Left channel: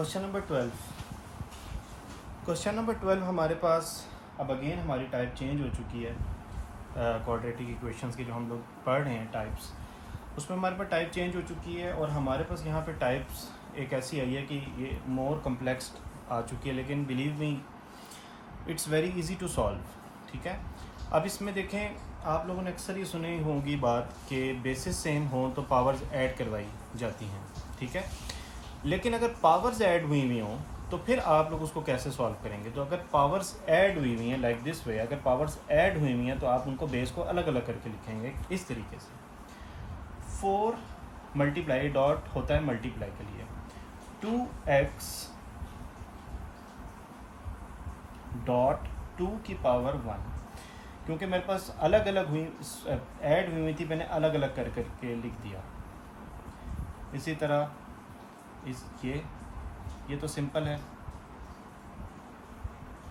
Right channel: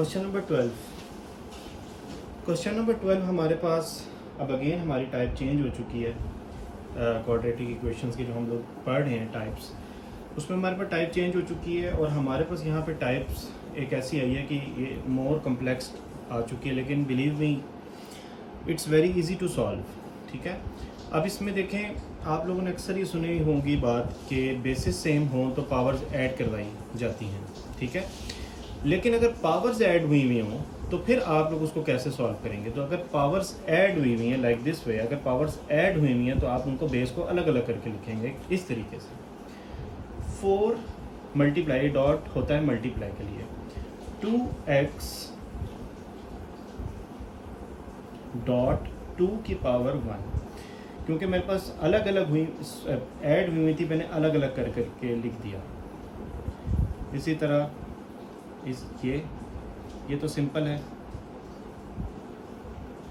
Question number 12। Question number 12 हमारे पास अब again हमारी टाइप चेंज हो चुकी है। क्वाड्रेटिक इक्वेशंस की जो हम लोग पढ़ रहे हैं टाइप्स, उसमें हमारे पास टाइप चेंज हो चुकी है और हमारे पास यहाँ पे टाइप्स एक ऐसी आई है कि ये मोर कम्प्लेक्स आ चुकी है, लेकिन believe me it's very easy to solve. ठीक है, अब इसमें देखें, आप लोगों ने अक्सर ये सुनी होगी बात कि बेसिस सेम हों तो पावर्स ऐड करवाई जाती हैं। ठीक है, लेकिन अगर पावर्स ऐड हुई हों तो फिर आप लोग उसको कैसे सॉल्व करेंगे? तो अगर पावर्स ऐड हुई हैं लाइक दिस वे, अगर पावर्स ऐड हुई हैं तो आप उनको बेस को अलग अलग करके लिखेंगे इस तरीके से। 4 मल्टीप्लाई डॉट होता है मल्टीप्लाई के लिए 2x डॉट 2 की पावर 1, क्योंकि मेरे पास अलग अलग हुई ऐड हुई थी, मैंने अलग अलग कर करके लिख दिया। इसी तरह इस ये तो सिंपल है।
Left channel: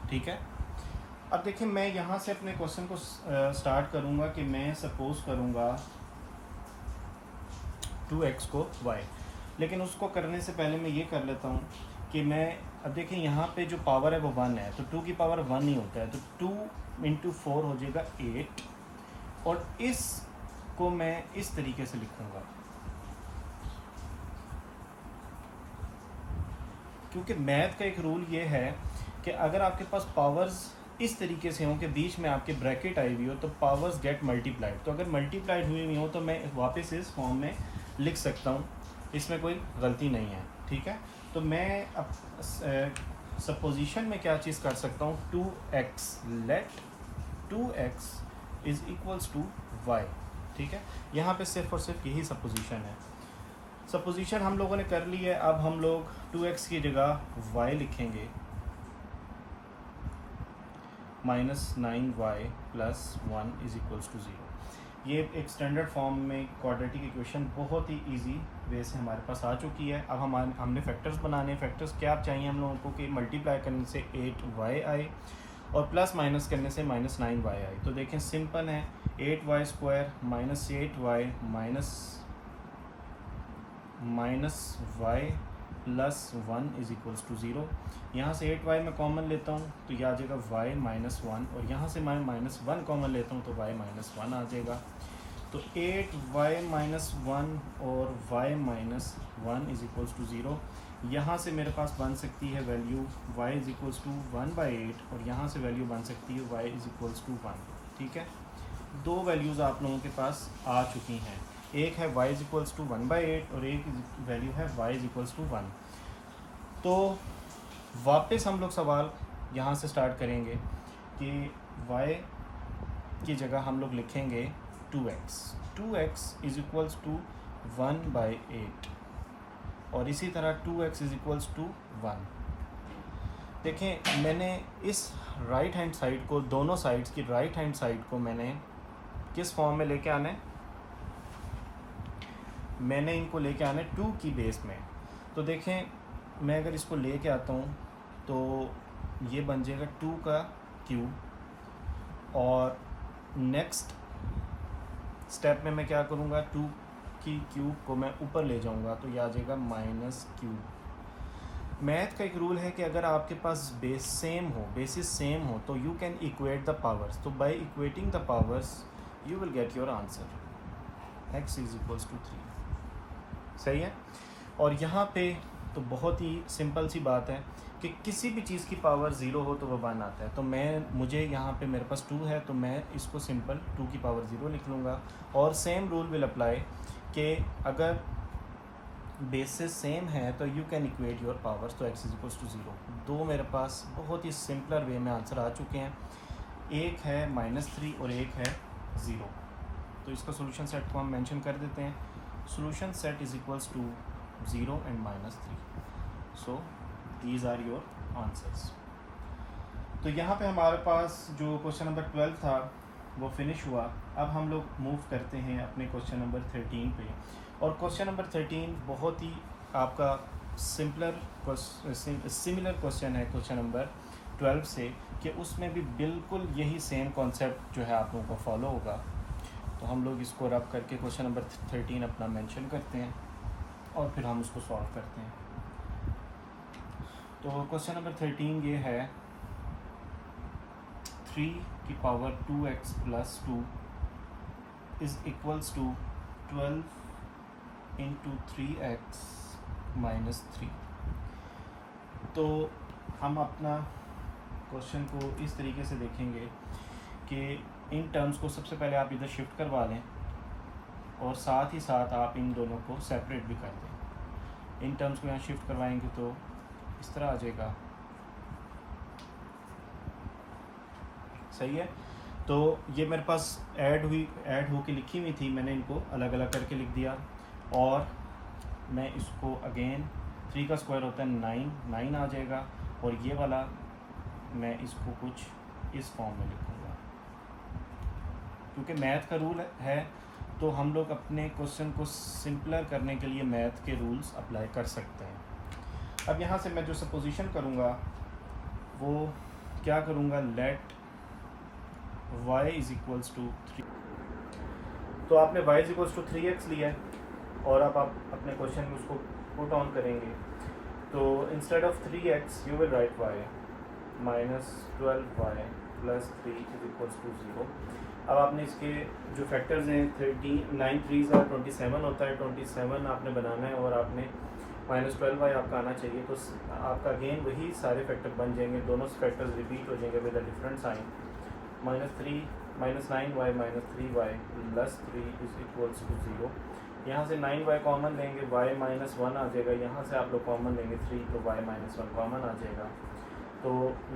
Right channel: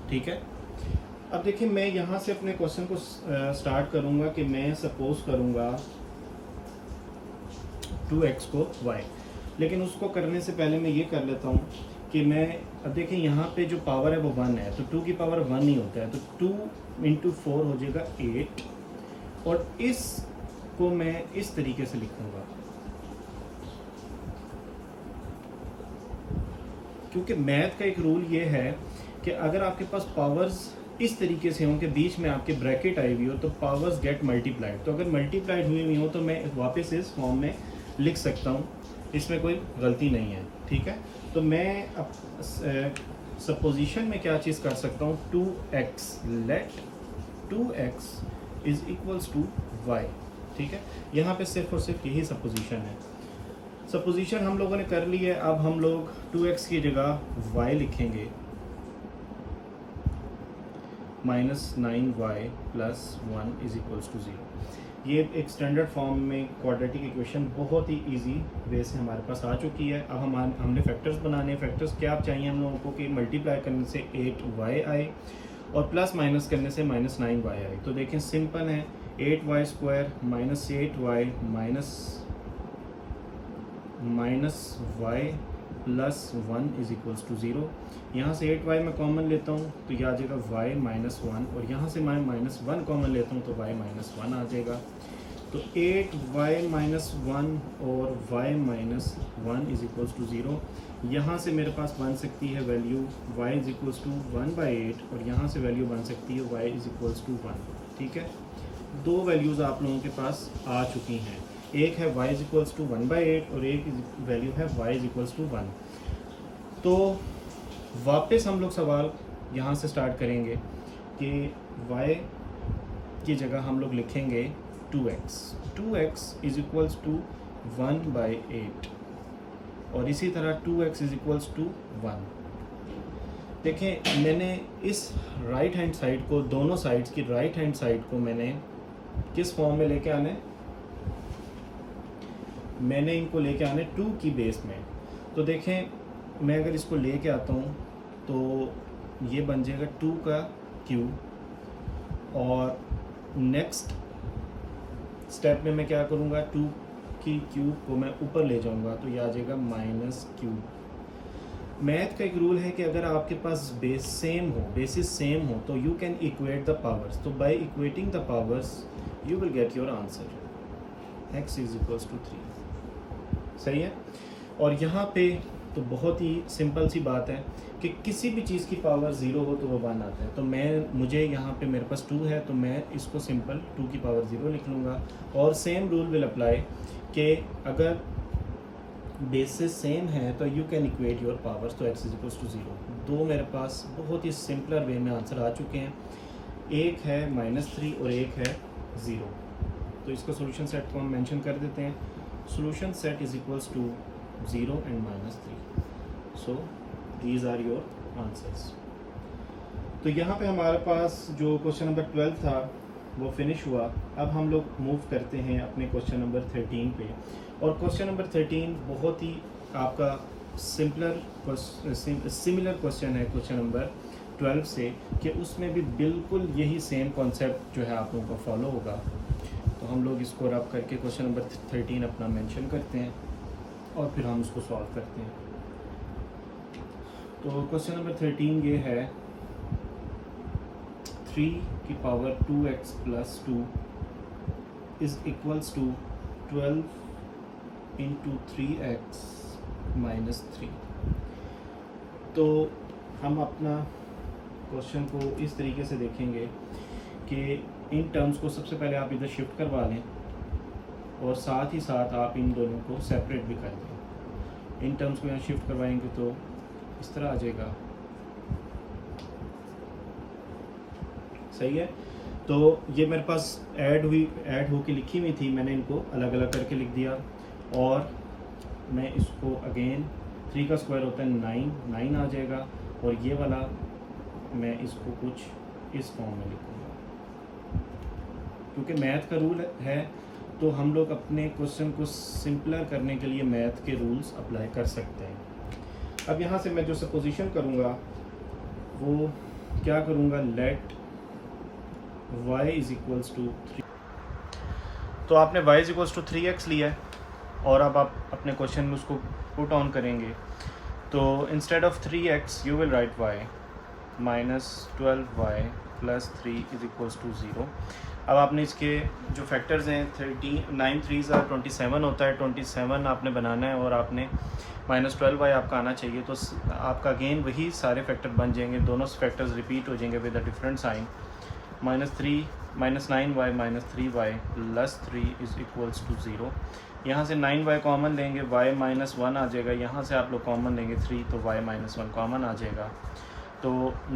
ठीक है, अब देखिए मैं यहाँ से अपने क्वेश्चन को स्टार्ट करूँगा कि मैं सपोज करूँगा 2x को y, लेकिन उसको करने से पहले मैं ये कर लेता हूँ कि मैं अब देखिए यहाँ पे जो पावर है वो 1 है, तो 2 की पावर 1 ही होता है, तो 2 इंटू 4 हो जाएगा 8, और इसको मैं इस तरीके से लिखूँगा क्योंकि मैथ का एक रूल ये है कि अगर आपके पास पावर्स इस तरीके से हों कि बीच में आपके ब्रैकेट आई हुई हो तो पावर्स गेट मल्टीप्लाइड, तो अगर मल्टीप्लाइड हुई हो तो मैं वापस इस फॉर्म में लिख सकता हूँ, इसमें कोई गलती नहीं है। ठीक है, तो मैं अब सपोजिशन में क्या चीज़ कर सकता हूँ, 2x, let 2x is equals to y। ठीक है, यहाँ पे सिर्फ और सिर्फ यही सपोजिशन है। सपोजिशन हम लोगों ने कर ली है, अब हम लोग 2x की जगह y लिखेंगे -9y plus 1 is equals to 0। ये एक स्टैंडर्ड फॉर्म में क्वाड्रेटिक इक्वेशन बहुत ही इजी वे से हमारे पास आ चुकी है। अब हमने फैक्टर्स बनाने हैं। फैक्टर्स क्या चाहिए हम लोगों को कि मल्टीप्लाई करने से 8y आए और प्लस माइनस करने से -9y आए। तो देखें सिंपल है, 8y square minus 8y minus y plus 1 is equals to 0। यहाँ से 8y मैं कॉमन लेता हूँ तो यह आ जाएगा y माइनस 1, और यहाँ से मैं -1 कॉमन लेता हूँ तो y माइनस 1 आ जाएगा। तो 8y माइनस 1 और y minus 1 is equals to 0। यहाँ से मेरे पास बन सकती है value y is equals to 1/8, और यहाँ से वैल्यू बन सकती है y इज इक्वल्स टू 1। ठीक है, दो वैल्यूज़ आप लोगों के पास आ चुकी हैं, एक है y इज इक्वल्स टू 1/8 और एक वैल्यू है y इज इक्वल्स टू 1। तो वापस हम लोग सवाल यहाँ से स्टार्ट करेंगे कि y की जगह हम लोग लिखेंगे 2x इज इक्वल्स टू 1/8, और इसी तरह 2x इज इक्वल्स टू 1। देखें मैंने इस राइट हैंड साइड को, दोनों साइड्स की राइट हैंड साइड को मैंने किस फॉर्म में लेके आना है, मैंने इनको लेके आना है 2 की बेस में। तो देखें मैं अगर इसको लेके आता हूँ तो ये बन जाएगा 2 का क्यूब, और नेक्स्ट स्टेप में मैं क्या करूँगा, 2 की क्यूब को मैं ऊपर ले जाऊँगा तो ये आ जाएगा -क्यूब। मैथ का एक रूल है कि अगर आपके पास बेसिस सेम हो तो you can equate the powers, तो by equating the powers you will get your answer x is equals to 3। सही है, और यहाँ पे तो बहुत ही सिंपल सी बात है कि किसी भी चीज़ की पावर 0 हो तो वो 1 आता है। तो मुझे यहाँ पे मेरे पास 2 है तो मैं इसको सिंपल 2 की पावर 0 लिख लूँगा, और सेम रूल विल अप्लाई कि अगर बेसिस सेम है तो you can equate your powers, तो x इज इक्वल्स टू 0। दो मेरे पास बहुत ही सिंपलर वे में आंसर आ चुके हैं, एक है -3 और एक है 0। तो इसका सोल्यूशन सेट को हम मेंशन कर देते हैं, solution set is equals to 0 and -3। So these are your answers. तो यहाँ पे हमारे पास जो क्वेश्चन नंबर 12 था वो फिनिश हुआ। अब हम लोग मूव करते हैं अपने क्वेश्चन नंबर 13 पे, और क्वेश्चन नंबर 13 बहुत ही आपका सिमिलर क्वेश्चन है क्वेश्चन नंबर 12 से, कि उसमें भी बिल्कुल यही सेम कॉन्सेप्ट जो है आप लोगों को फॉलो होगा। तो हम लोग इसको रब करके क्वेश्चन नंबर 13 अपना मेंशन करते हैं और फिर हम उसको सॉल्व करते हैं। तो क्वेश्चन नंबर 13 ये है 3 की power 2x plus 2 is equals to 12 into 3x minus 3। तो हम अपना क्वेश्चन को इस तरीके से देखेंगे कि इन टर्म्स को सबसे पहले आप इधर शिफ्ट करवा लें और साथ ही साथ आप इन दोनों को सेपरेट भी कर दें। इन टर्म्स को यहाँ शिफ्ट करवाएंगे तो इस तरह आ जाएगा, सही है। तो ये मेरे पास ऐड होके लिखी हुई थी, मैंने इनको अलग अलग करके लिख दिया और मैं इसको अगेन 3 का स्क्वायर होता है 9 आ जाएगा और ये वाला मैं इसको कुछ इस फॉर्म में लिखूँगा। क्योंकि मैथ का रूल है तो हम लोग अपने क्वेश्चन को सिंपलर करने के लिए मैथ के रूल्स अप्लाई कर सकते हैं। अब यहाँ से मैं जो सपोजिशन करूँगा वो क्या करूँगा, let y is equals to 3। तो आपने y is equals to 3x लिया है और अब आप अपने क्वेश्चन में उसको पुट ऑन करेंगे। तो instead of 3x you will write y minus 12y plus 3 is equals to 0। अब आपने इसके जो फैक्टर्स हैं 9 3 27 होता है, 27 आपने बनाना है और आपने माइनस 12y आपका आना चाहिए। तो आपका अगेन वही सारे फैक्टर बन जाएंगे, दोनों फैक्टर्स रिपीट हो जाएंगे with a different sign. Minus 9y minus 3y plus 3 is equals to 0। यहाँ से 9y कॉमन लेंगे, y माइनस 1 आ जाएगा। यहाँ से आप लोग कॉमन लेंगे 3 तो y माइनस 1 कॉमन आ जाएगा। तो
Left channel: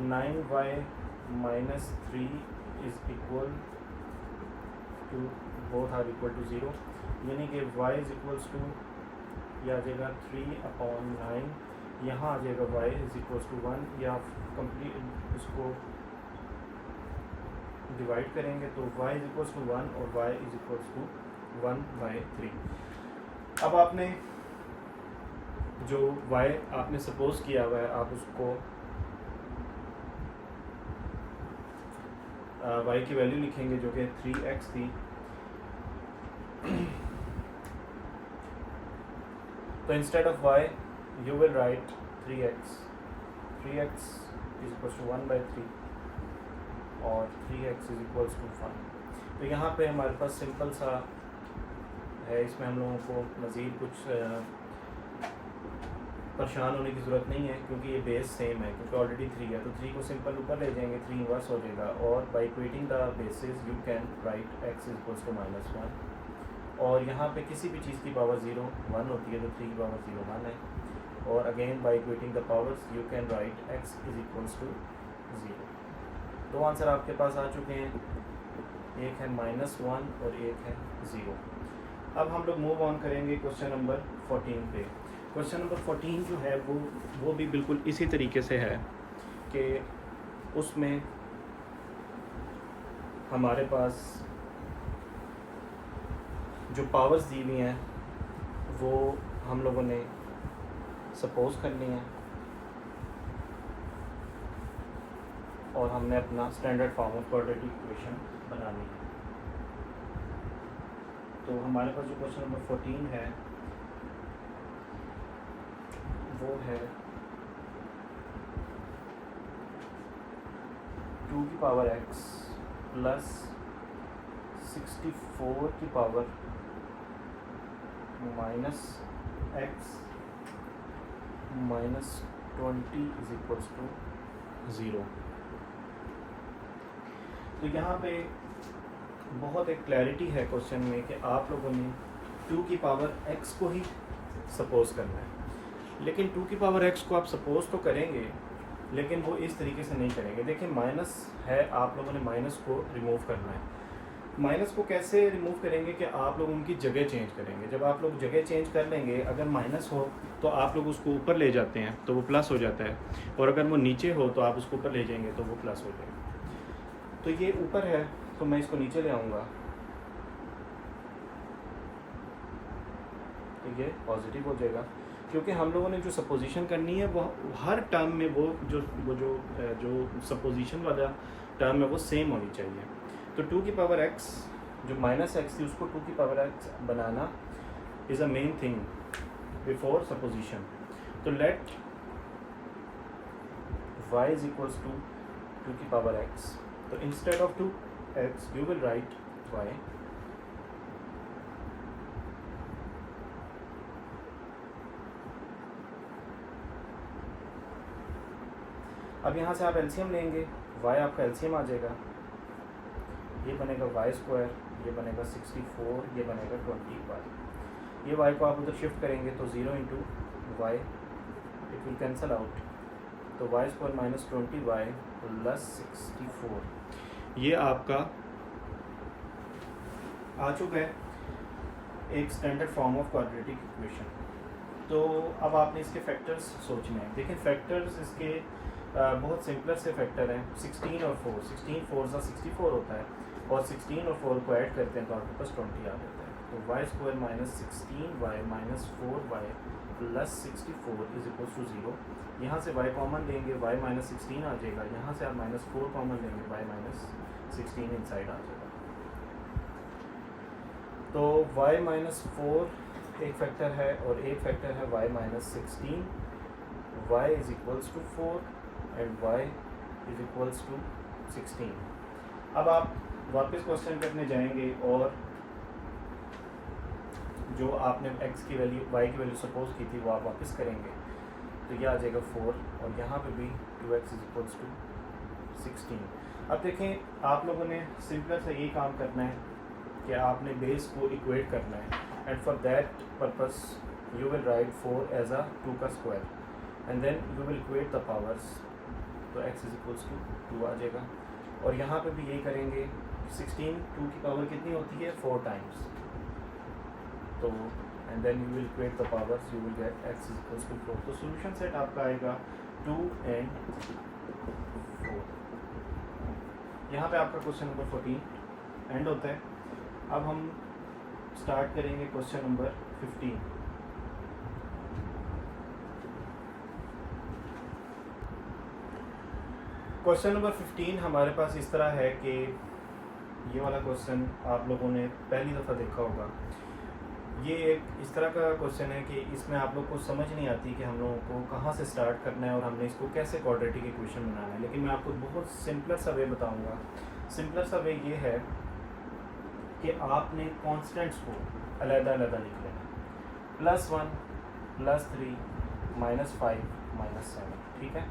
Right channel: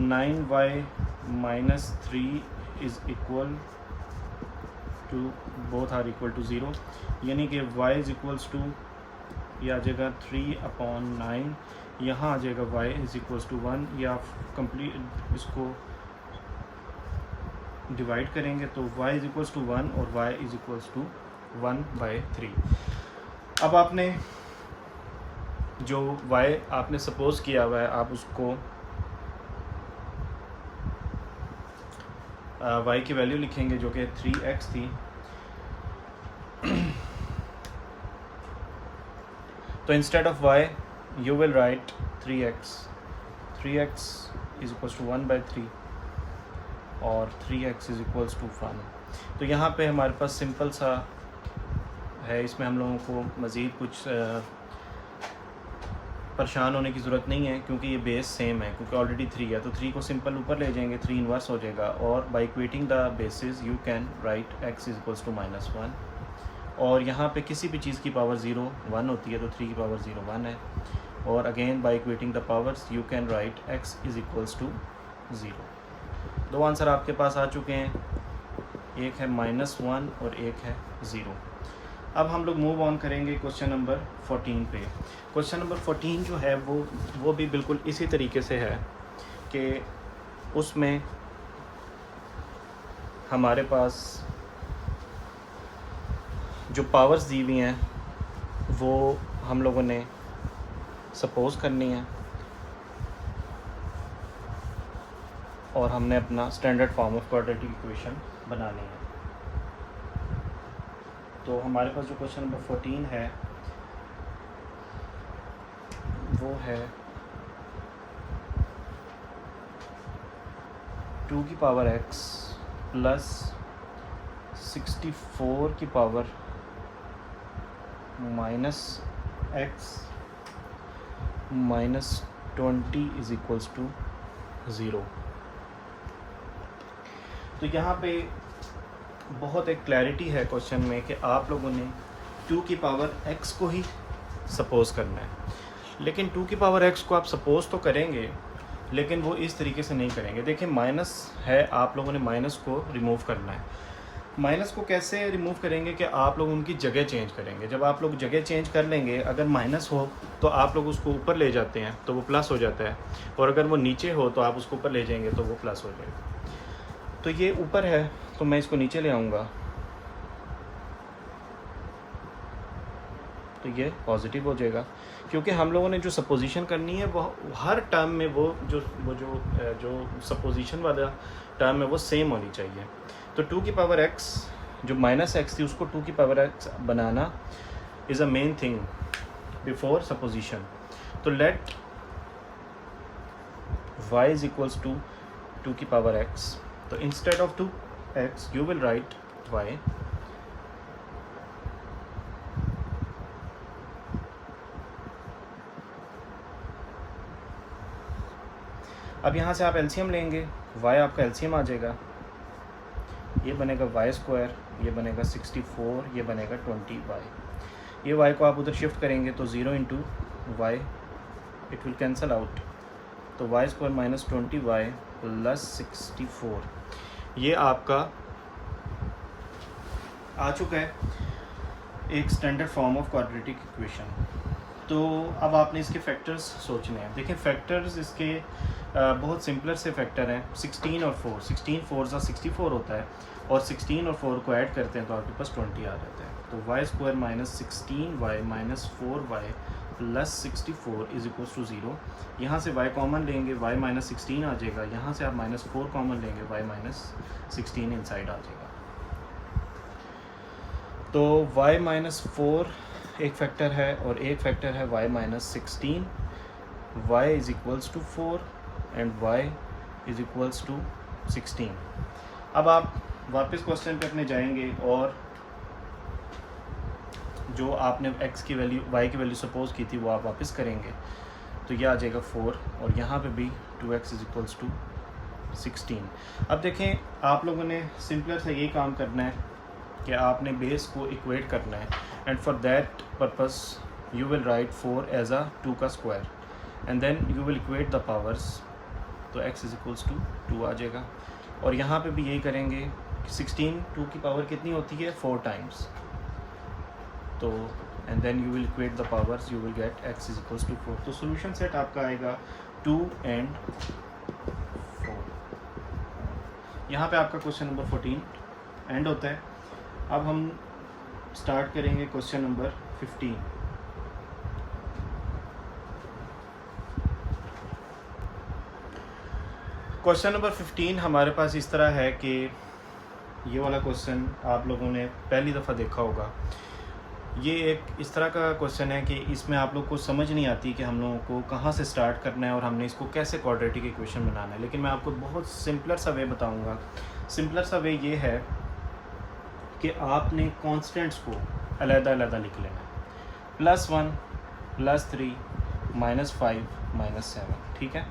9y minus 3 is equal to both are equal to 0, यानी कि y इज़ इक्वल्स टू ये आ जाएगा 3/9, यहाँ आ जाएगा y इज़ इक्वल्स टू 1। या कंप्लीट इसको डिवाइड करेंगे तो y इज़ इक्वल्स टू 1 और y इज़ इक्वल्स टू 1/3। अब आपने जो y आपने सपोज किया हुआ है आप उसको y की वैल्यू लिखेंगे जो कि 3x थी। तो instead of y you will write 3x is equals to 1/3 और 3x इज इक्वल्स टू 1। तो यहाँ पे हमारे पास सिंपल सा है, इसमें हम लोगों को मज़ीद कुछ परेशान होने की ज़रूरत नहीं है क्योंकि ये बेस सेम है, क्योंकि ऑलरेडी 3 है। तो 3 को सिंपल ऊपर ले जाएंगे, 3 इन्वर्स हो जाएगा और by equating the bases you can write x is equals to -1। और यहाँ पे किसी भी चीज़ की पावर 0 1 होती है तो 3 की पावर 0 1 है। और again by equating the powers you can write x is equals to 0। दो आंसर आपके पास आ चुके हैं, एक है -1 और एक है 0। अब हम लोग मूव ऑन करेंगे क्वेश्चन नंबर 14 पे। क्वेश्चन नंबर 14 जो है वो भी बिल्कुल इसी तरीके से है कि उसमें हमारे पास जो पावर्स दी हुई हैं वो हम लोगों ने सपोज करनी है और हमने अपना standard form of quadratic equation बनानी है। तो हमारे पास जो क्वेश्चन नंबर 14 है वो है 2 की पावर x प्लस 64 की power minus x minus 20 is equals to 0। तो यहाँ पे बहुत एक क्लैरिटी है क्वेश्चन में कि आप लोगों ने 2 की पावर x को ही सपोज करना है, लेकिन 2 की पावर x को आप सपोज तो करेंगे लेकिन वो इस तरीके से नहीं करेंगे। देखिए माइनस है, आप लोगों ने माइनस को रिमूव करना है। माइनस को कैसे रिमूव करेंगे कि आप लोग उनकी जगह चेंज करेंगे। जब आप लोग जगह चेंज कर लेंगे, अगर माइनस हो तो आप लोग उसको ऊपर ले जाते हैं तो वो प्लस हो जाता है, और अगर वो नीचे हो तो आप उसको ऊपर ले जाएंगे तो वो प्लस हो जाएगा। तो ये ऊपर है तो मैं इसको नीचे ले आऊँगा तो ये पॉजिटिव हो जाएगा, क्योंकि हम लोगों ने जो सपोजिशन करनी है वो हर टर्म में वो जो सपोजिशन वाला टर्म है वो सेम होनी चाहिए। तो 2 की पावर x जो माइनस x थी उसको 2 की पावर x बनाना is a main thing before supposition. तो let y is equals to 2 की पावर x, तो instead of 2x you will write y अब यहाँ से आप एलसीएम लेंगे, y आपका एलसीएम आ जाएगा, ये बनेगा y स्क्वायर, ये बनेगा 64, ये बनेगा 20y। ये y को आप उधर शिफ्ट करेंगे तो 0 into Y, it will cancel out, तो y square minus 20y plus 64 ये आपका आ चुका है एक standard form of quadratic equation. तो अब आपने इसके फैक्टर्स सोचने हैं। देखिए फैक्टर्स इसके बहुत सिंपलर से फैक्टर हैं, 16 और 4, 16 4 सा 64 होता है, और 16 और 4 को ऐड करते हैं तो आपके पास 20 आ जाता है। तो y square minus 16y minus 4y plus 64 is equal to 0। यहाँ से y कॉमन लेंगे, y माइनस 16 आ जाएगा, यहाँ से आप माइनस 4 कॉमन लेंगे, y माइनस 16 इनसाइड आ जाएगा। तो y माइनस 4 एक फैक्टर है और एक फैक्टर है y minus 16, y is equals to 4 and y is equals to 16। अब आप वापस क्वेश्चन पे अपने जाएंगे और जो आपने x की वैल्यू y की वैल्यू सपोज की थी वो आप वापस करेंगे, तो ये आ जाएगा 4 और यहाँ पे भी 2x इज इक्वल्स टू 16। अब देखें आप लोगों ने सिंपलर से ये काम करना है कि आपने बेस को इक्वेट करना है, and for that purpose you will write 4 as a 2 का square and then you will equate the powers, तो x इज इक्वल्स टू 2 आ जाएगा। और यहाँ पे भी यही करेंगे, 16 2 की पावर कितनी होती है 4 टाइम्स, तो and then you will equate the powers, you will get x is equals to 4। तो सोल्यूशन सेट आपका आएगा 2 एंड 4। यहाँ पे आपका क्वेश्चन नंबर 14 एंड होता है। अब हम स्टार्ट करेंगे क्वेश्चन नंबर 15। क्वेश्चन नंबर 15 हमारे पास इस तरह है कि ये वाला क्वेश्चन आप लोगों ने पहली दफ़ा देखा होगा। ये एक इस तरह का क्वेश्चन है कि इसमें आप लोग को समझ नहीं आती कि हम लोगों को कहाँ से स्टार्ट करना है और हमने इसको कैसे क्वाड्रेटिक इक्वेशन बनाना है, लेकिन मैं आपको बहुत सिंपलर सा वे बताऊँगा। सिंपलर सा वे ये है कि आपने कॉन्स्टेंट्स को अलग-अलग लिख लेना, +1 +3 -5 -7, ठीक है।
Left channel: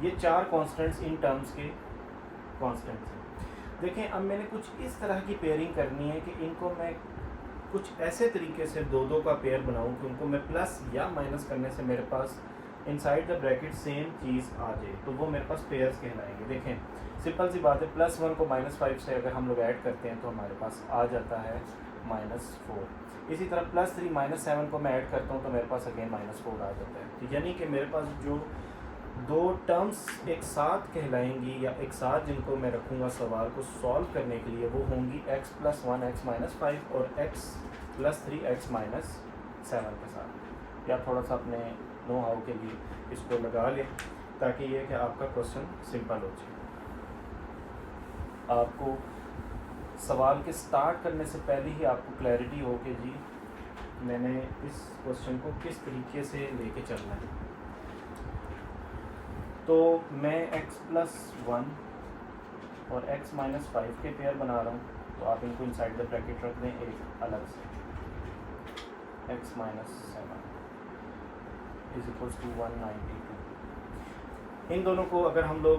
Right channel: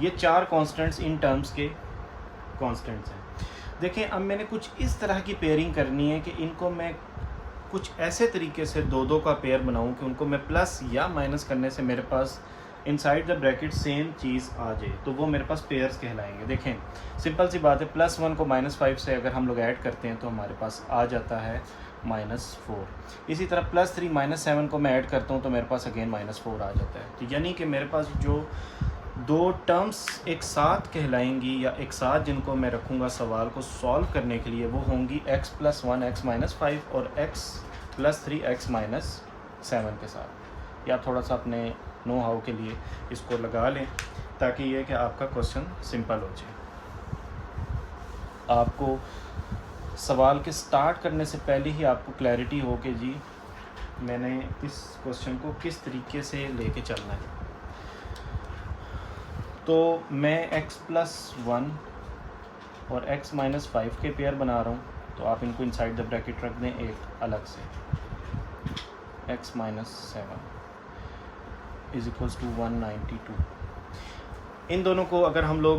ये 4 कॉन्स्टेंट्स इन टर्म्स के कॉन्स्टेंट्स हैं। देखें अब मैंने कुछ इस तरह की पेयरिंग करनी है कि इनको मैं कुछ ऐसे तरीके से 2-2 का पेयर बनाऊं कि उनको मैं प्लस या माइनस करने से मेरे पास इनसाइड द ब्रैकेट सेम चीज़ आ जाए, तो वो मेरे पास पेयर्स कहलाएंगे। देखें सिंपल सी बात है, +1 को -5 से अगर हम लोग ऐड करते हैं तो हमारे पास आ जाता है -4। इसी तरह +3 -7 को मैं ऐड करता हूँ तो मेरे पास अगेन -4 आ जाता है। तो यानी कि मेरे पास जो 2 टर्म्स एक साथ कहलाएंगी या एक साथ जिनको मैं रखूँगा सवाल को सॉल्व करने के लिए, वो होंगी x + 1 x - 5 और x + 3 x - 7 के साथ। या थोड़ा सा अपने नो हाउ के लिए इसको लगा लें ताकि ये कि आपका क्वेश्चन सिंपल हो जाए। आपको सवाल के स्टार्ट करने से पहले ही आपको क्लैरिटी हो कि जी मैंने इस क्वेश्चन को किस तरीके से लेके चलना है। तो मैं x + 1 और x - 5 के पेयर बना रहा हूँ, तो आप इनको इनसाइड द ब्रैकेट रख दें एक अलग से, x - 7 इज इक्वल्स टू 192। इन दोनों को अगर हम लोग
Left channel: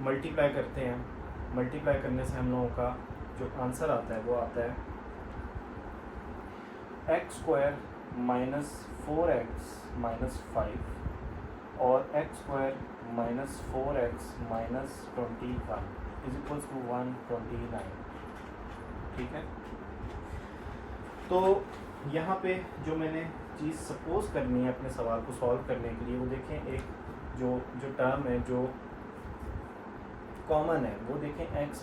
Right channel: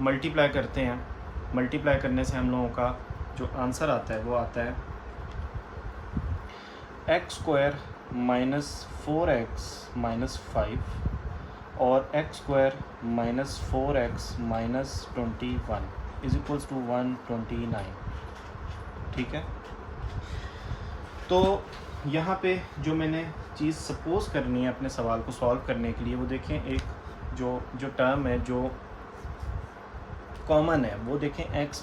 मल्टीप्लाई करते हैं, मल्टीप्लाई करने से हम लोगों का जो आंसर आता है वो आता है x² - 4x - 5 और x² - 4x - 21 is equals to 129, ठीक है। तो यहाँ पे जो मैंने चीज़ सपोज करनी है अपने सवाल को सॉल्व करने के लिए, वो देखें एक जो टर्म है जो कॉमन है, वो देखें x² -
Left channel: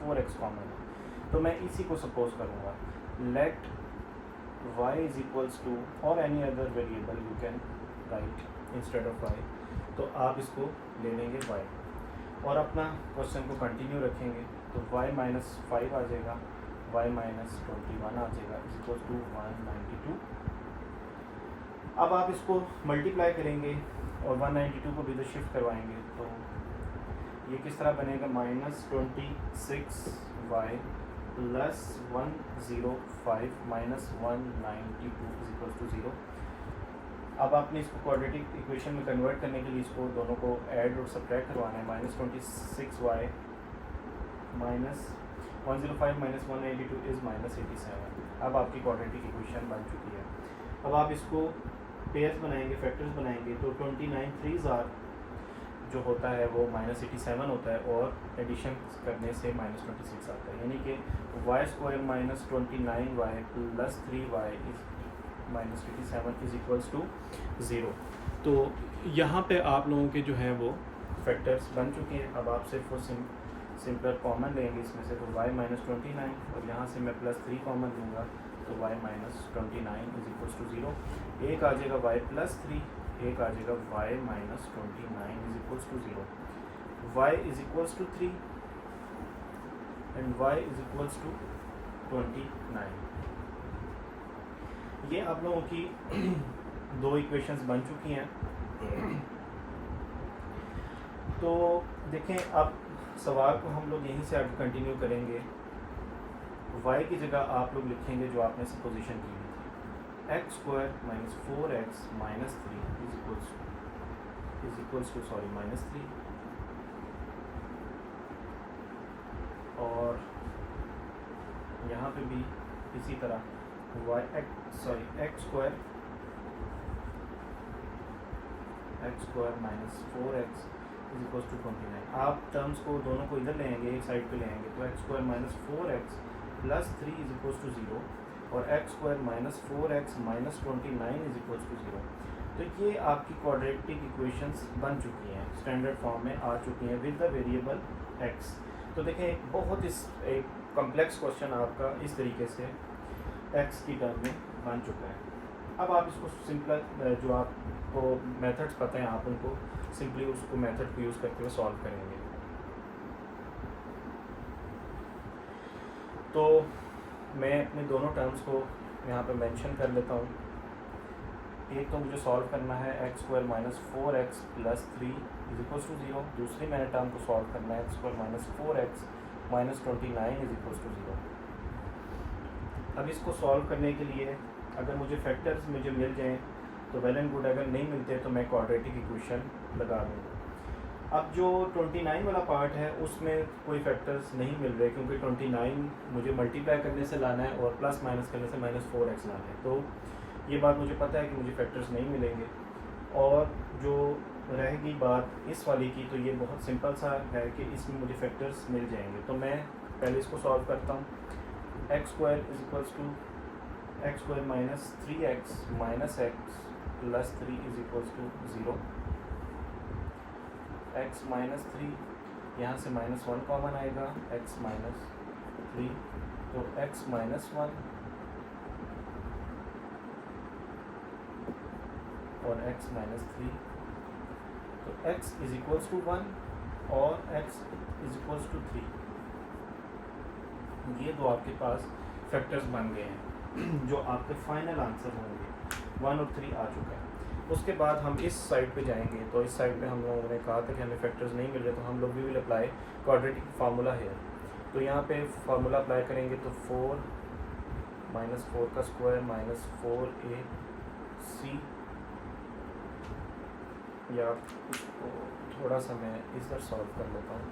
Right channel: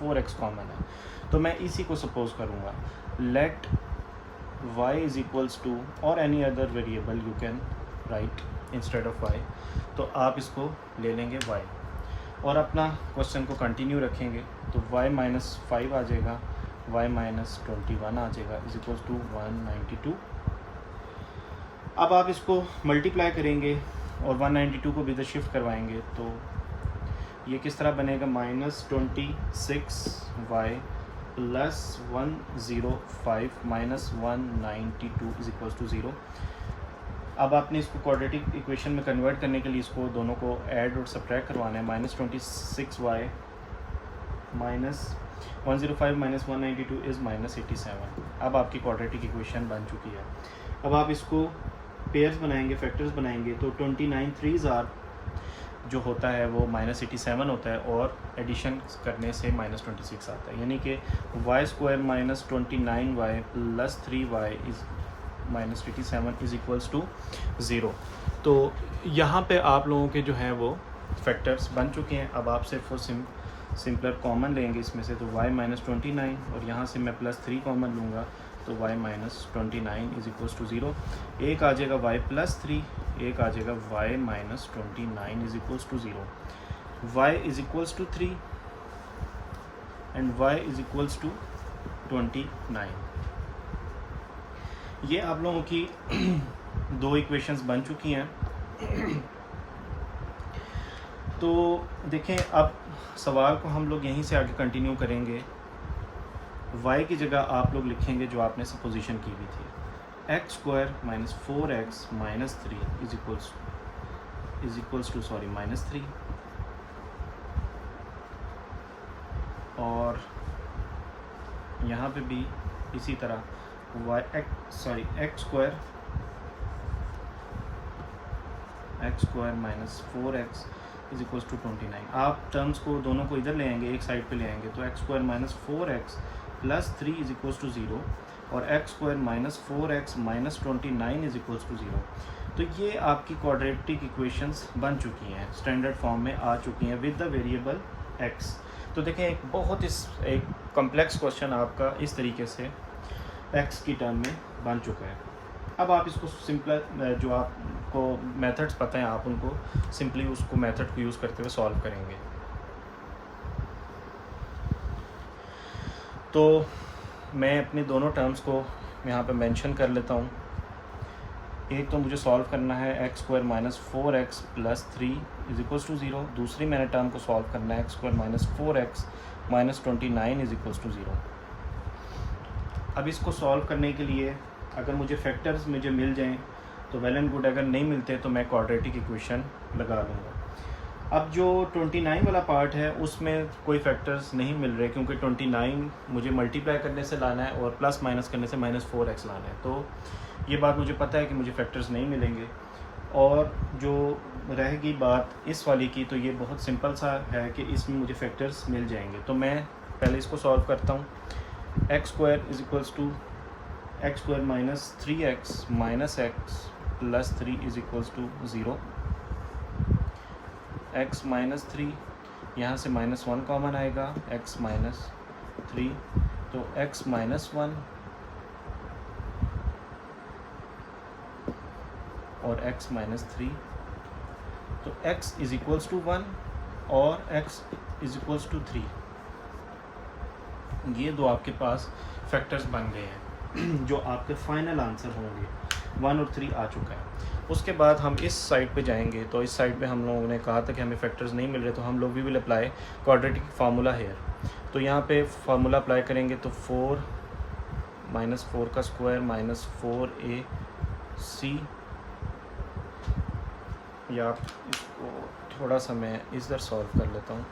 4x कॉमन है, तो मैं इसी को सपोज करूँगा। Let y is equals to or any other variable you can write instead of y, तो आप इसको ले लेंगे y और अपना क्वेश्चन को कंटिन्यू रखेंगे, तो y - 5 आ जाएगा, y - 21 आ जाएगा इज इक्वल्स टू 192। अब आप इसको मल्टीप्लाई करेंगे और 192 को भी इधर शिफ्ट करवाएंगे तो ये किस तरह बनेगा, -26y plus 105 minus 192 is equal to 0। अब आपने इसको क्वाड्रेटिक इक्वेशन में कन्वर्ट करने के लिए इसको दोनों को ऐड और सब्ट्रैक्ट करवाना है। -26y minus 105 minus 192 is -87। अब आपकी क्वाड्रेटिक इक्वेशन बन चुकी है। अब आप इसको पेयर्स बनाएंगे, फैक्टर्स बनाएंगे तो 29 3s आर जो होता है वो -87 होता है और एडिशन करने से -26 आता है, यानी कि y² minus 29y plus 3y is -87 is equals to 0। तो यहाँ पे आप लोगों के जो हैं वो फैक्टर्स बन चुके हैं। अब आप सिर्फ वो सिंपलर कॉमन लेंगे इसमें से, तो y -29 और यहाँ से मैं +3 कॉमन लूँगा तो y -29 इज़ इक्वल्स टू 0। एक आ जाएगा y +3, एक आ जाएगा y -29 is equals to 0। y is equals to 3 and y is equals to 29। ये आप लोगों की दो इक्वेशंस बन चुकी हैं। तो देखें, अब सवाल को हम लोग यहीं से आगे कंटिन्यू करेंगे। y की जगह आप लोग लिखेंगे जो आपने सपोजिशन की हुई थी, x² minus 4x minus 3 is equals to -3। और यहाँ पे भी इसी तरह x² minus 4x is equals to 29। आप टर्म्स को दोनों को इधर ले आएंगे, एक साइड पे ले आएंगे तो x² minus 4x plus 3 is equals to 0 और x² minus 4x minus 29 is equals to 0। तो ये आपकी क्वाड्रेटिक इक्वेशंस बन चुकी हैं, स्टैंडर्ड फॉर्म में आ चुकी हैं विद द वेरिएबल x। तो देखें, एक बहुत एक कॉम्प्लेक्स क्वेश्चन आपका इस तरीके से x की टर्म में बन चुका है। अब आप इसको सिंपलर जो आपको मेथड्स पता हैं आप उनको सिंपली उसको मेथड को यूज़ करते हुए सॉल्व करेंगे। तो मैं अपने दोनों टर्म्स को यहाँ पे मेंशन कर लेता हूँ। एक तो मुझे सॉल्व करना है x² minus 4x plus 3 is equals to 0। दूसरी मैंने टर्म को सॉल्व करना है x² minus 4x minus 29 is equals to 0। अब इसको सॉल्व करने के लिए अगर मुझे फैक्टर्स मुझे मिल जाएं तो वेल एंड गुड, अगर नहीं मिलते तो मैं क्वाड्रेटिक इक्वेशन लगा दूँगा। अब जो 29 वाला पार्ट है उसमें कोई फैक्टर्स नहीं मिल रहे क्योंकि 29 मुझे मल्टीप्लाई करने से लाना है और प्लस माइनस करने से -4x लाना है। तो ये बात मुझे पता है कि मुझे फैक्टर्स नहीं मिलेंगे। और जो रहेगी बात इस वाली की, तो ये बहुत सिंपल सा है कि इसमें मुझे फैक्टर्स मिल जाएंगे। तो मैं पहले इसको सॉल्व करता हूँ। x² is equals to x² minus 3x minus x plus 3 is equals to 0। x minus 3, यहाँ से -1 कॉमन आएगा, x माइनस 3 तो x माइनस 1 और x माइनस 3 तो x इज इक्वल्स टू 1 और x इज इक्वल्स टू 3। ये दो आपके पास फैक्टर्स बन गए हैं जो आपके फाइनल आंसर होंगे। 1 और 3 आ चुका है। उसके बाद हम इस साइड पे जाएंगे। तो इस साइड पे हम लोगों ने कहा था कि हमें फैक्टर्स नहीं मिल रहे, तो हम लोग भी will apply quadratic formula here. तो यहाँ पे फार्मूला अप्लाई करेंगे तो 4 माइनस 4 का स्क्वायर माइनस 4ac, या इसको थोड़ा सा मैं इधर सॉल्व कर लेता हूँ।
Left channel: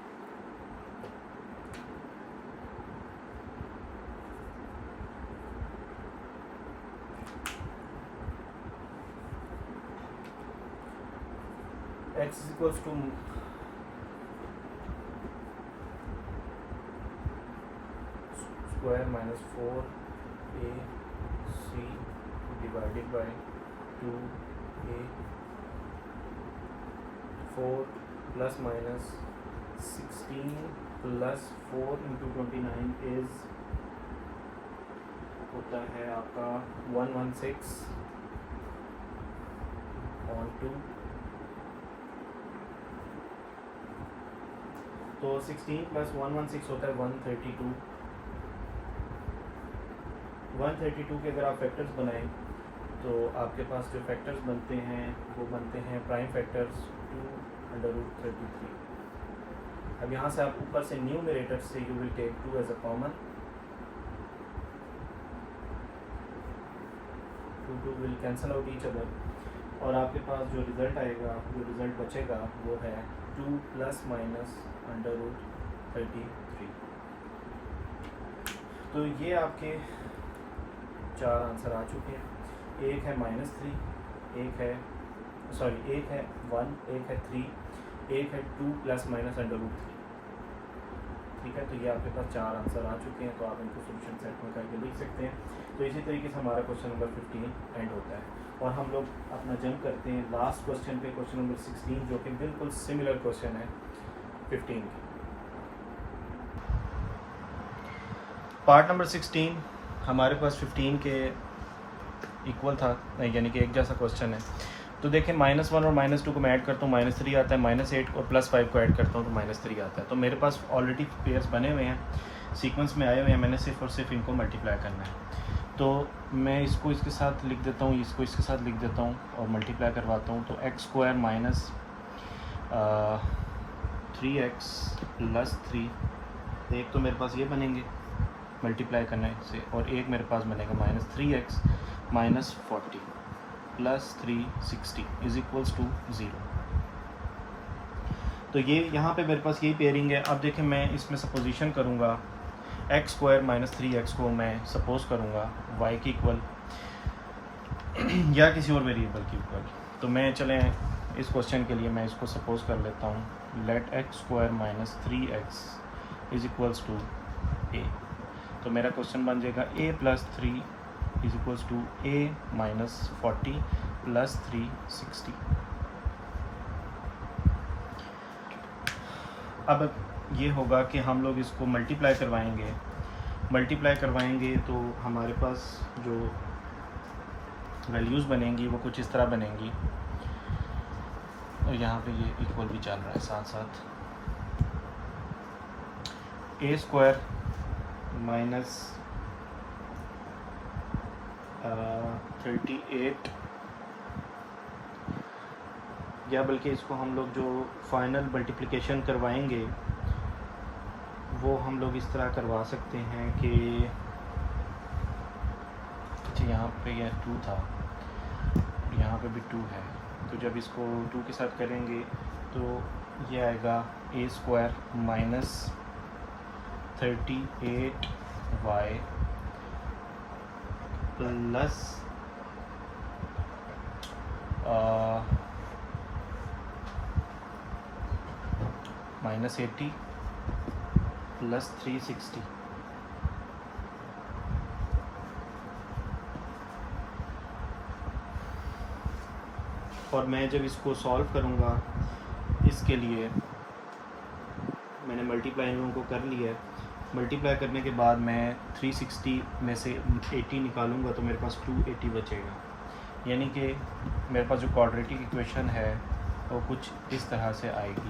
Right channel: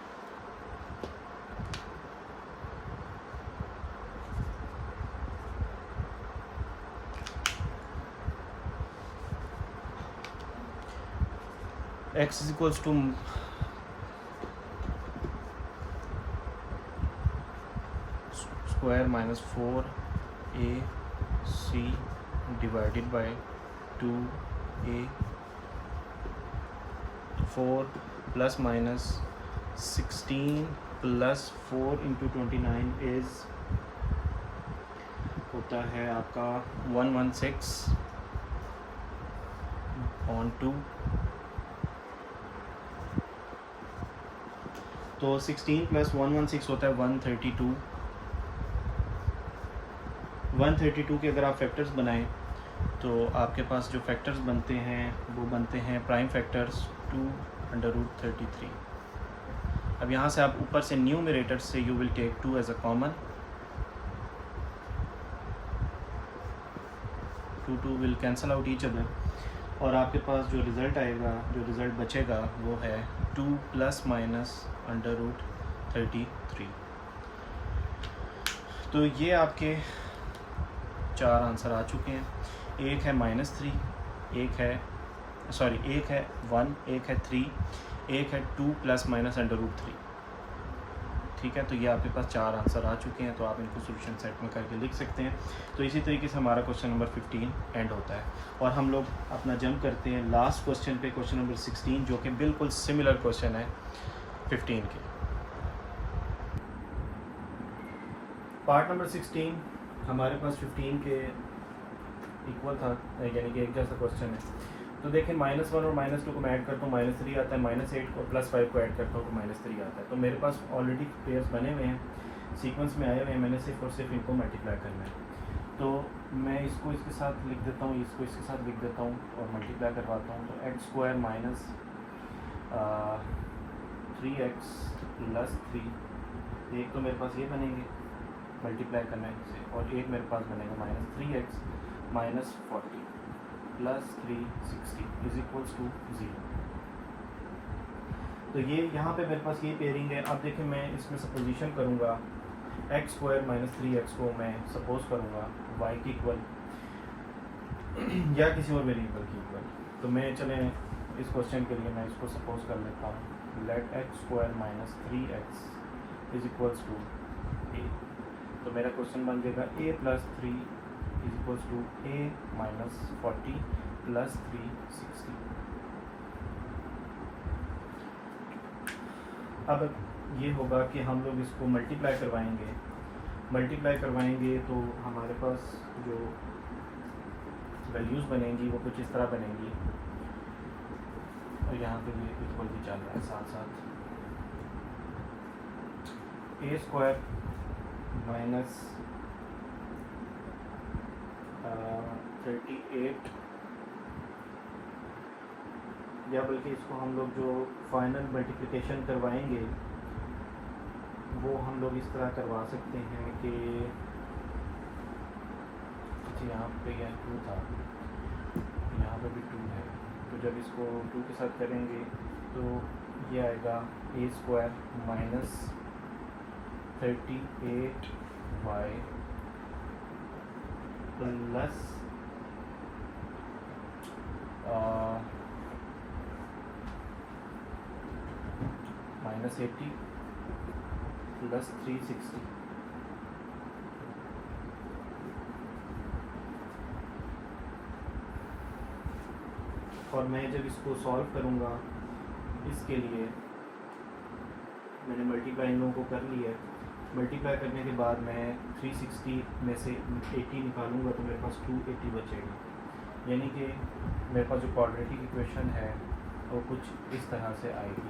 x is equals to square minus 4ac divided by 2a, 4 plus minus 16 plus 4 into 29 is होता है आपका 116/2। तो 16 प्लस 116 होता है 132 के अगर आप फैक्टर्स बनाएं तो आपके पास जो फैक्टर्स बनते हैं वो बनते हैं प्राइम फैक्टर्स 2√33। अब यहाँ से आप ऊपर से न्यूमरेटर से you will take 2 as a common, 2 will cancel out each other, और आपके पास जो रिज़ल्ट आएगा, जो रिज़ल्ट बचेगा वो है 2 ± √33। तो ये आपके 4 आंसर आ चुके हैं। एक है -3, एक है 1, एक है 3, एक है 2 ± √3। ठीक है, तो ये आपके पास 4 आंसर आ चुके हैं, तो आप इनको सोल्यूशन सेट में करके लिख सकते हैं। तो इसी तरीके से हमारा क्वेश्चन नंबर 15 एंड होता है और हम लोग अपना जंप करते हैं लास्ट क्वेश्चन पे, क्वेश्चन नंबर 16, जो कि बिल्कुल सिमिलर क्वेश्चन है 15 के। पार्ट नंबर 16 हमारे पास 15 के इक्वल था, यानी कि एक जैसा क्वेश्चन है। तो देखें -1 और -2 को मैं ऐड करता हूँ, -3 आता है, -8 और +5 को ऐड करता हूँ तो -3 आता है। तो मेरे पास ऑलरेडी पेयर्स बने हुए हैं, सीक्वेंस में आए हुए हैं, मैंने सिर्फ और सिर्फ इनको मल्टीप्लाई करना है। तो मैं इसको इसके साथ लिख देता हूँ, इसको इसके साथ लिख देता हूँ और मल्टीप्लाई करवाता हूँ। तो x² - 3x + 3, एक तो मेरे पास ये बनेंगे मल्टीप्लाई करने से, और एक मेरे पास बनेगा -3x - 40 + 360 = 0। तो ये यहाँ पे मेरे पास यही पेयरिंग है। अब देखें मैं इसमें सपोजिशन करूँगा, x² - 3x को मैं सपोज करूँगा y के इक्वल या किसी और वेरिएबल के इक्वल। तो मैं चलें इस क्वेश्चन के लिए मैं इसको सपोज कर लेता हूँ, लेट x² - 3x = a। तो मेरा क्वेश्चन बन जाएगा a + 3 = a - 40 + 360। अब ये होगा कि हम लोग इसको मल्टीप्लाई करवाएंगे तो हमारे पास जो वैल्यूज़ बनेंगी वो कुछ इस तरह बनेंगी, और यहाँ पे ये इक्वल भी चल रहा है साथ साथ। a² - 38, या बल्कि इसको हम लोग जो फाइनल मल्टीप्लिकेशन करवाएंगे वो हम लोग इस तरह करवा सकते हैं कि अच्छा यहाँ पे यह 2 था, यहाँ पे भी 2 है, तो जब इसको 2 के साथ करेंगे तो ये आएगा a² - 38y प्लस -80 + 360। और मैं जब इसको सॉल्व करूँगा, इसके लिए मैंने मल्टीप्लाई को कर लिया है। मल्टीप्लाई करने के बाद मैं 360 में से 80 निकालूंगा तो मेरे पास 280 बचेगा, यानी कि मेरे पास जो क्वाड्रेटिक इक्वेशन है वो कुछ इस तरह से आएगी।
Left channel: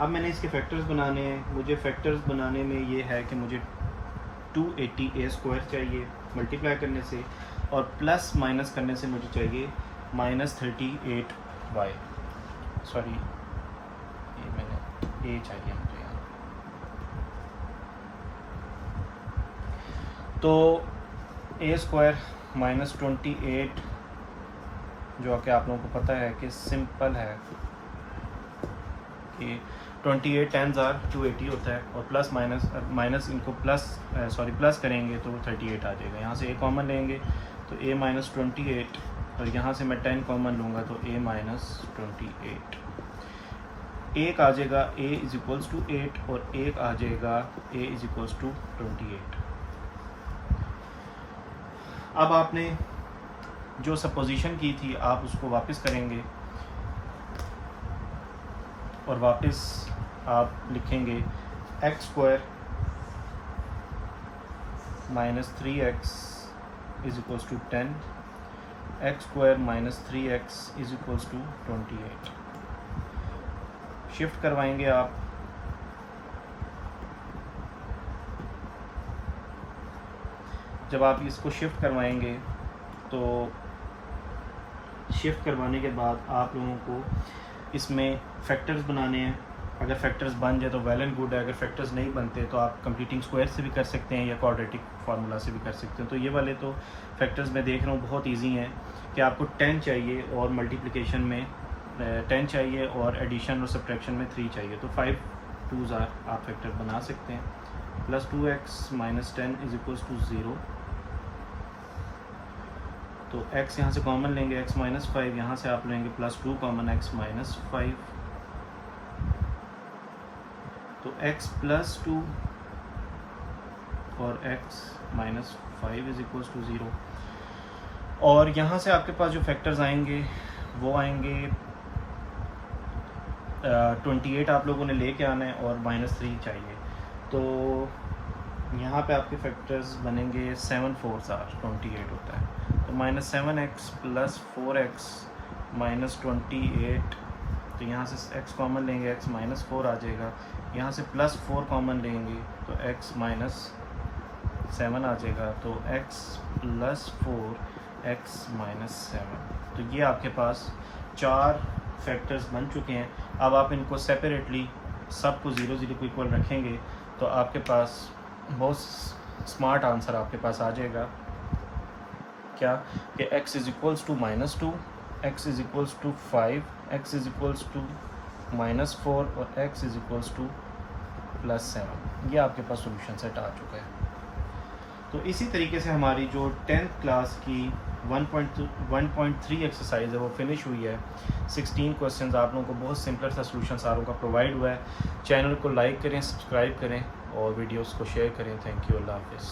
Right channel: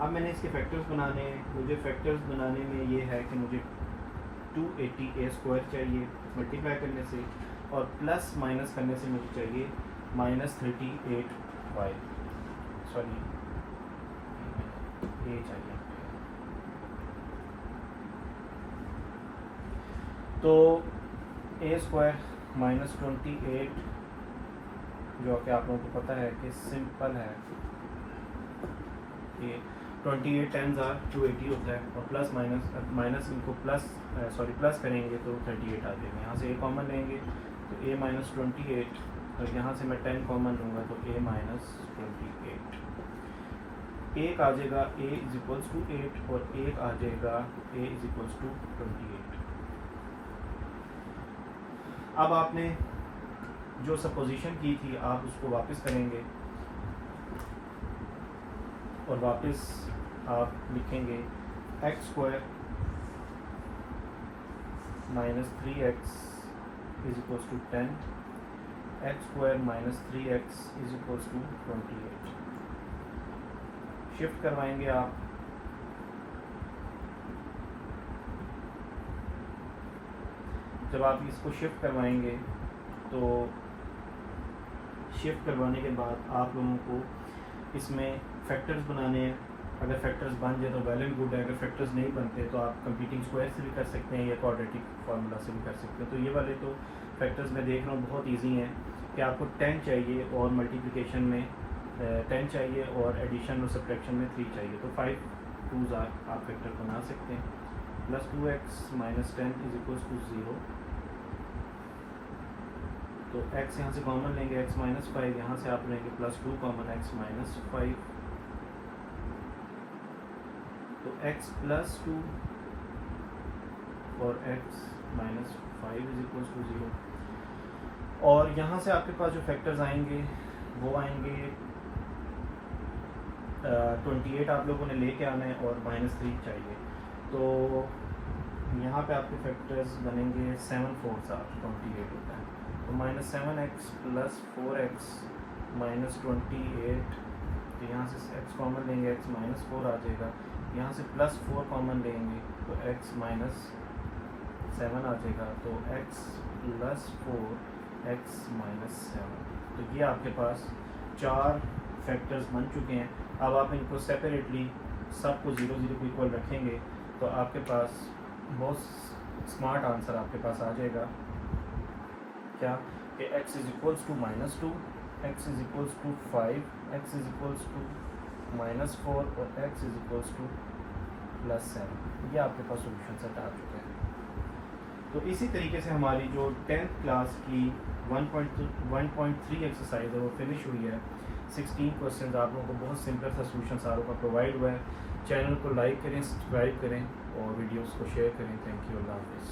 अब मैंने इसके फैक्टर्स बनाने हैं। मुझे फैक्टर्स बनाने में ये है कि मुझे 280a² चाहिए मल्टीप्लाई करने से, और प्लस माइनस करने से मुझे चाहिए -38y, सॉरी ये मैंने a चाहिए मुझे। तो a² - 28, जो कि आप लोगों को पता है कि सिंपल है कि 28 10s are 280 होता है, और प्लस माइनस इनको प्लस करेंगे तो 38 आ जाएगा। यहाँ से a कॉमन लेंगे तो a - 28, और यहाँ से मैं 10 कॉमन लूँगा तो a - 28। एक आ जाएगा a = 8 और एक आ जाएगा a = 28। अब आपने जो सपोजिशन की थी आप उसको वापस करेंगे और वापस आप लिखेंगे x² - 3x = 10, x² - 3x = 28। Shift करवाएंगे आप, जब आप इसको शिफ्ट करवाएंगे तो शिफ्ट करवाने के बाद आप लोगों को इसमें फैक्टर्स बनाने हैं। अगर फैक्टर्स बन जाए तो वेल एंड गुड है, अगर फैक्टर्स नहीं बनते तो आप कंप्लीटिंग स्क्वायर से भी कर सकते हैं या क्वाड्रेटिक फार्मूला से भी कर सकते हैं। तो ये वाले तो फैक्टर्स मैं देख रहा हूँ बहुत इजी हैं कि आपको 10 चाहिए और मल्टीप्लिकेशन में 10 चाहिए और एडिशन और सब्ट्रैक्शन में 3 चाहिए। तो 5 2s आप फैक्टर बना सकते हैं। Plus 2x minus 10 is equals to 0। तो x यहाँ से कॉमन लेंगे, x माइनस 5, यहाँ से आप लेंगे प्लस 2 कॉमन, x माइनस 5। तो x प्लस 2 और x minus 5 is equals to 0। और यहाँ से आपके पास जो फैक्टर्स आएंगे वो आएंगे 28 आप लोगों ने लेके आना है और -3 चाहिए। तो यहाँ पे आपके फैक्टर्स बनेंगे 7 4 28 होता है। तो -7x प्लस 4x माइनस 28। तो यहाँ से x कॉमन लेंगे, x माइनस 4 आ जाएगा। यहाँ से प्लस 4 कॉमन लेंगे तो x माइनस 7 आ जाएगा। तो x प्लस 4 x माइनस 7। तो ये आपके पास 4 फैक्टर्स बन चुके हैं। अब आप इनको सेपरेटली सबको 0 0 को इक्वल रखेंगे तो आपके पास बहुत स्मार्ट आंसर आपके पास आ जाएगा। क्या कि x is equals to -2, x is equals to 5, x is equals to -4 और x इज इक्वल्स टू +7। ये आपके पास सोल्यूशन सेट आ चुका है। तो इसी तरीके से हमारी जो 10th क्लास की 1.3 एक्सरसाइज है वो फिनिश हुई है। 16 क्वेश्चंस आप लोगों को बहुत सिंपल सा सोल्यूशन सारों का प्रोवाइड हुआ है। चैनल को लाइक करें, सब्सक्राइब करें और वीडियोस को शेयर करें। थैंक यू, अल्लाह हाफिज़।